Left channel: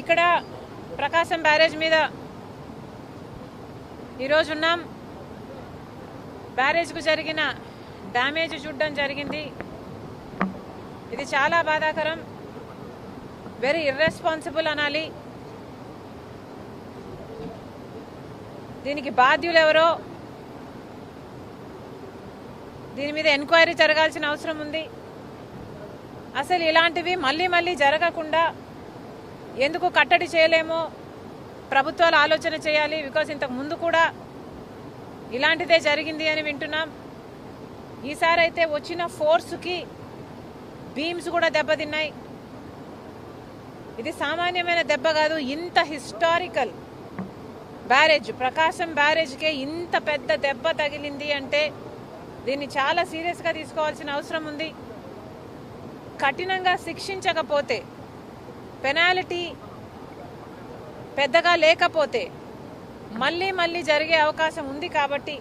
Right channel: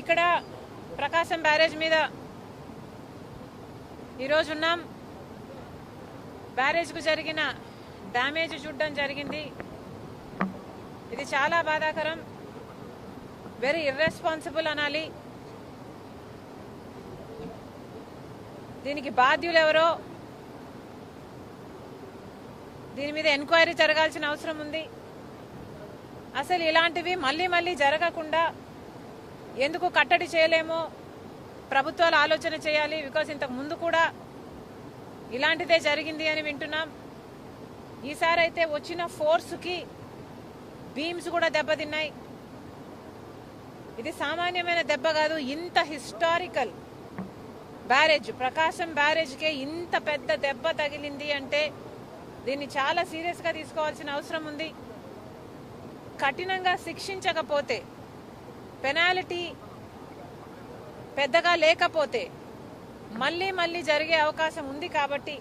ఇక్కడ ప్రకాశం బ్యారేజ్ మీద ఈరోజు ఉన్నాం. బ్యారేజ్ కు జరిగిన డ్యామేజ్ చూడడం జరిగింది. ఇది చాలా బాధాకరం, వెరీ ఇర్రెస్పాన్సిబుల్ అనాలి. దీనికి బాధ్యులు ఎవరో దీని మీద ఎంక్వైరీ జరగాల్సిన అవసరం ఉంది. అసలు ఇలాంటివి మళ్లీ మళ్లీ జరగకుండా ఎందుకు కట్టడి చేయలేమో ప్రభుత్వాలు ఆలోచన చేయాలి. బికాజ్ ఇంతకు ముందు కూడా ఇలాంటిదే జరిగింది అని వింటున్నాం. ఈసారి అయితే వచ్చిన ఫోర్స్ కి బీమ్స్ కూడా దెబ్బతిన్నాయి. ఇది సామాన్యమైన దెబ్బ కాదు. ఇంత హిస్టారికల్ బ్యారేజ్, ప్రకాశం బ్యారేజ్ కే ఇంత పెద్ద దెబ్బ తగిలింది అంటే దీన్ని చాలా సీరియస్ గా తీసుకోవాల్సిన అవసరం ఉంది. కఠినంగా శిక్షించకపోతే, పెనాల్టీ పెద్దగా లేకపోతే మళ్లీ మళ్లీ జరిగే అవకాశం ఉంది. కాబట్టి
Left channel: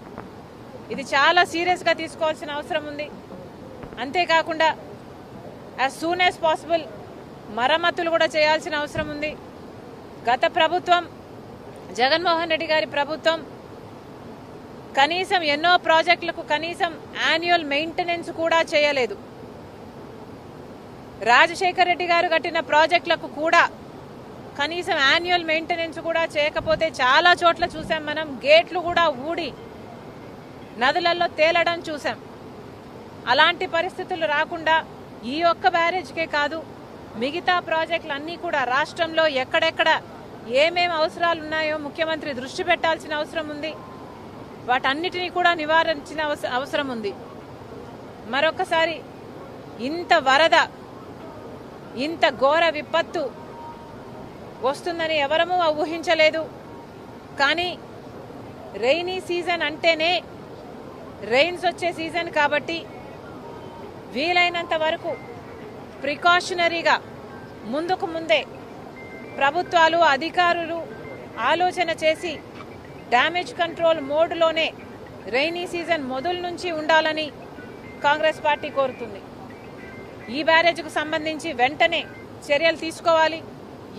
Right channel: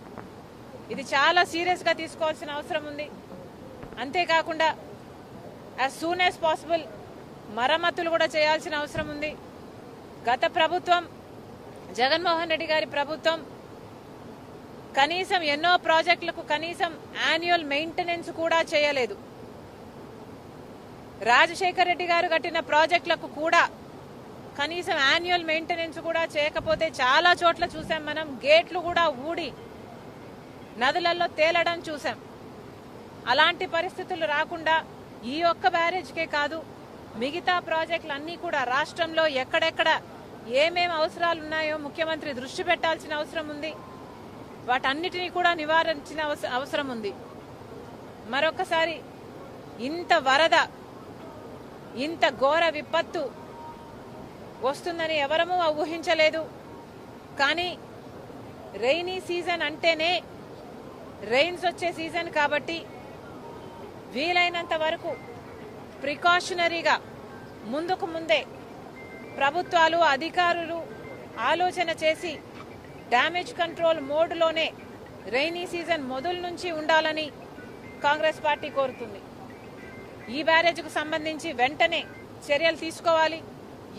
ఇది చాలా సీరియస్ గా తీసుకోవాల్సిన అవసరం ఉంది. అంతేకాకుండా యాజ్ సూన్ యాజ్ పాసిబుల్ మరమ్మతులు కూడా చేయాల్సిన అవసరం ఉంది. గత ప్రభుత్వం, జగన్మోహన్ రెడ్డి గారి ప్రభుత్వం కనీసం ఎన్నో ప్రాజెక్టులకు కనీసం యాన్యువల్ మెయింటెనెన్స్ కూడా చేయలేదు. రాజశేఖర్ రెడ్డి గారు కట్టిన ప్రాజెక్టులకు కూడా కనీసం యాన్యువల్ మెయింటెనెన్స్ కూడా చేయకపోతే చాలా చోట్ల చూసాం మనం. గేట్లు కూడా ఊడి నదులలో తేలడం చూసాం. అలాంటి పరిస్థితులు రాకుండా ఈ ఒక్క బ్యారేజ్కే కాదు, మిగతా ప్రాజెక్టులు అన్ని కూడా రాష్ట్రంలో ఎక్కడెక్కడ ఏమేం అవసరాలు ఉన్నాయో ముఖ్యమంత్రి దృష్టి పెట్టాల్సిన అవసరం ఉంది. వాటన్నిటినీ కూడా నివారించిన అవసరం ఉంది. మరొకసారి ఇంత వరద, ఇంత ఘోర విపత్తు వస్తుందని ఎవరమూ ఊహించలేదు. కానీ రెయినీ సీజన్ అంటేనే రెయిన్స్ వచ్చే సీజన్ కాబట్టి వీలైనంత వరకు ప్రికాషనరీగా ముందుకు ముందే ప్రభుత్వాలు, అధికారులు ఆలోచన చేసి డ్యామేజ్ కంట్రోల్ మోడ్లోనే రెయినీ సీజన్ మొదలు నుంచి ఉండాలని కాంగ్రెస్ పార్టీ కోరుతుంది. ఈ బ్యారేజ్కు సంబంధించి వెంటనే చర్యలు తీసుకోవాలి.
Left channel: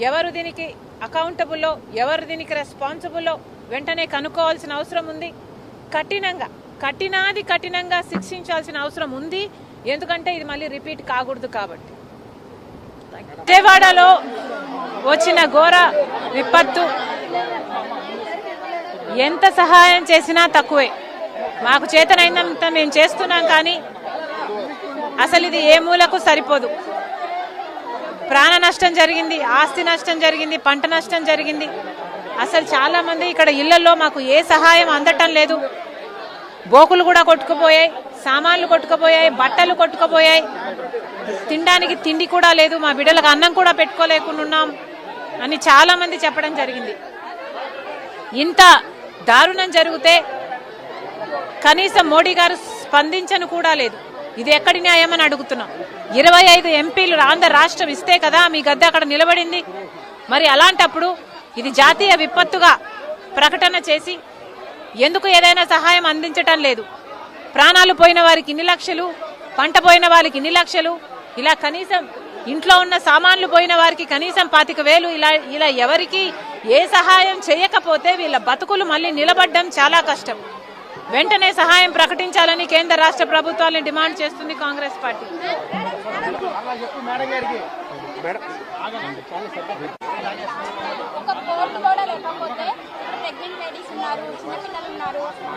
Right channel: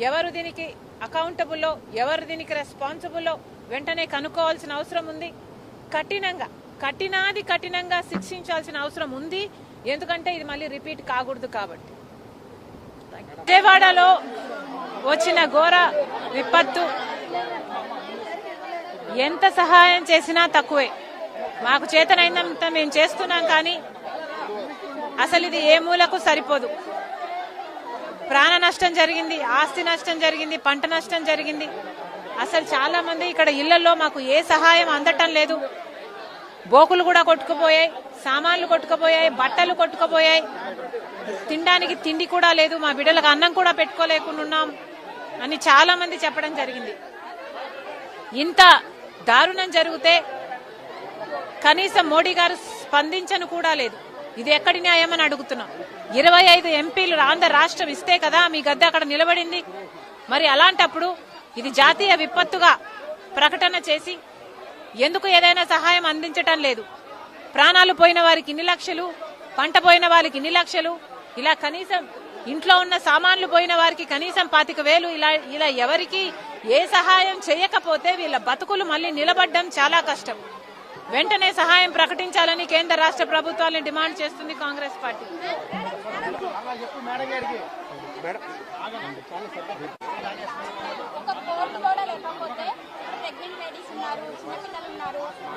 ఎవరు దీనికి అకౌంటబుల్లో, ఎవరు దీనికి రెస్పాన్సిబుల్లో వెంటనే కనుక్కోవాల్సిన అవసరం ఉంది. కఠినంగా శిక్షించాల్సిన అవసరం ఉంది. ఎందుకంటే ఇది మళ్ళీ రిపీట్ కాకూడదు కాబట్టి. విజయవాడలో వచ్చిన ఘోర విపత్తు ఎంత సహాయం చేసినా తక్కువే. మాకు చేతనైనంత మేము చేస్తున్నాం, కానీ అసలు ఇది ఏ మూలకు సరిపోదు. ప్రాణ నష్టం జరిగింది, ఆస్తి నష్టం జరిగింది, పంట నష్టం జరిగింది. అసలు చాలా మంది ఇక్కడ ఇళ్లలో మాకు ఏ సహాయం అందటం లేదు. బోకులు కూడా కొట్టుకుపోయాయి, సామాన్లు కొట్టుకుపోయాయి, బట్టలు కొట్టుకుపోయాయి, తినడానికి తిండి కూడా లేదు, మా బిడ్డలకు అన్నం కూడా పెట్టుకోలేకున్నాం అని చాలా మంది చెప్పడం జరిగింది. ఇంత దారుణం జరిగితే కనీసం మోడీ గారు స్పందించను కూడా లేదు. ఇది ఎక్కడి న్యాయమని అడుగుతున్నాం. 25 ఎంపీలు ఆంధ్ర రాష్ట్రం ఇస్తే కదా మీ గద్దె అక్కడ నిలబడింది. మరి అలాంటప్పుడు ఇది జాతీయ విపత్తుగా ప్రకటన చేసి ఎందుకు ఏదైనా సహాయం అందించటం లేదు? ప్రాణాలు పోయిన వారికి ఇన్ని లక్షలు, పంట పోయిన వారికి ఇన్ని లక్షలు, ఇలా కనీసం ఇంట్లో ఉన్న సామాన్లు పోయిన వారికి కనీసం 25,000, ఇలా ఎవరికి ఏ సహాయం చేయకపోతే వీళ్ళ బతుకులు మళ్ళీ నిలబడడం చాలా కష్టం. వెంటనే సహాయం ప్రకటించాలని కేంద్ర రాష్ట్ర ప్రభుత్వాలను డిమాండ్ చేస్తుంది కాంగ్రెస్ పార్టీ.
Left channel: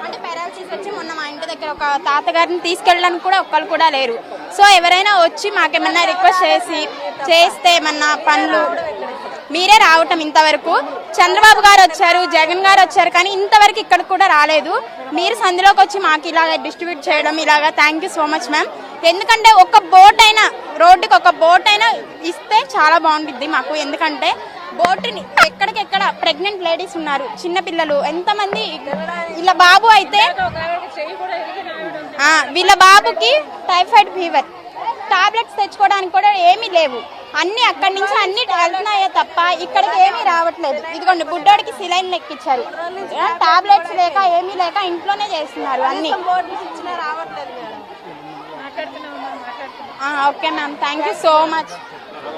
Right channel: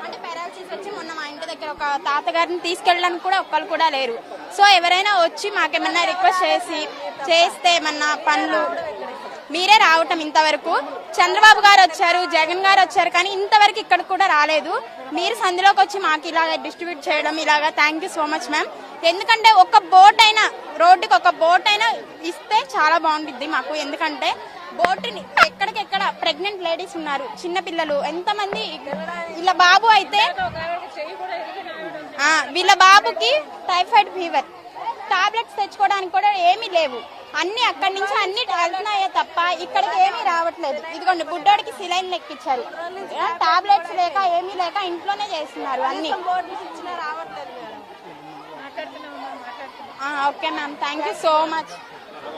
అంటే పారాలసిస్ వచ్చి మొన్న మా ఇంటి దగ్గర ఒక తాతగారిని తీసుకెళ్ళడానికి కూడా ఒక్కరు కూడా లేరు. సో ఎవరైనా వచ్చి మాకేమన్నా రిక్వెస్ట్ చేస్తే ఏమన్నా పనులు మీరే రావటం. ఇంతవరకు చంద్రబాబు గారు వచ్చారు, జగన్ గారు వచ్చారు, కానీ ఇంతవరకు ఇక్కడ కూడా రాలేదు. మీరు సందులోకి వచ్చి మాకు ఇలాగ డిస్ట్రిబ్యూట్ చేయడం ఇలాగా thank you so much ma'am. ఎందుకంటే ఒక బోట్ అయినా, రోడ్డుకి ఒక బోట్ అయినా ఇస్తే చాలా బాగుంటుంది మాకు. ఎందుకంటే బోటుని ఎక్కడికెక్కడ ప్రెగ్నెంట్ లేడీస్ ఉన్నారు, చిన్న పిల్లలు ఎంతమంది. వీళ్ళ బాబు అయితే వీళ్ళ బాబుకి టైఫాయిడ్ ఫీవర్, టాబ్లెట్స్ తెచ్చుకోవడానికి కూడా ఏమీ లేవు. అన్ని అక్కడి నుంచి అన్ని వెళ్తున్నాయే తప్ప ఇక్కడికి ఏమీ రావట్లేదు. ఇదిగోండి బుడ్డోడికి సిలైన్ ఎక్కించారు, టాబ్లెట్స్ లేక ఏమీ లేక ఇంట్లోనే చేస్తున్నారు అన్ని. Okay ma'am, thank you so much.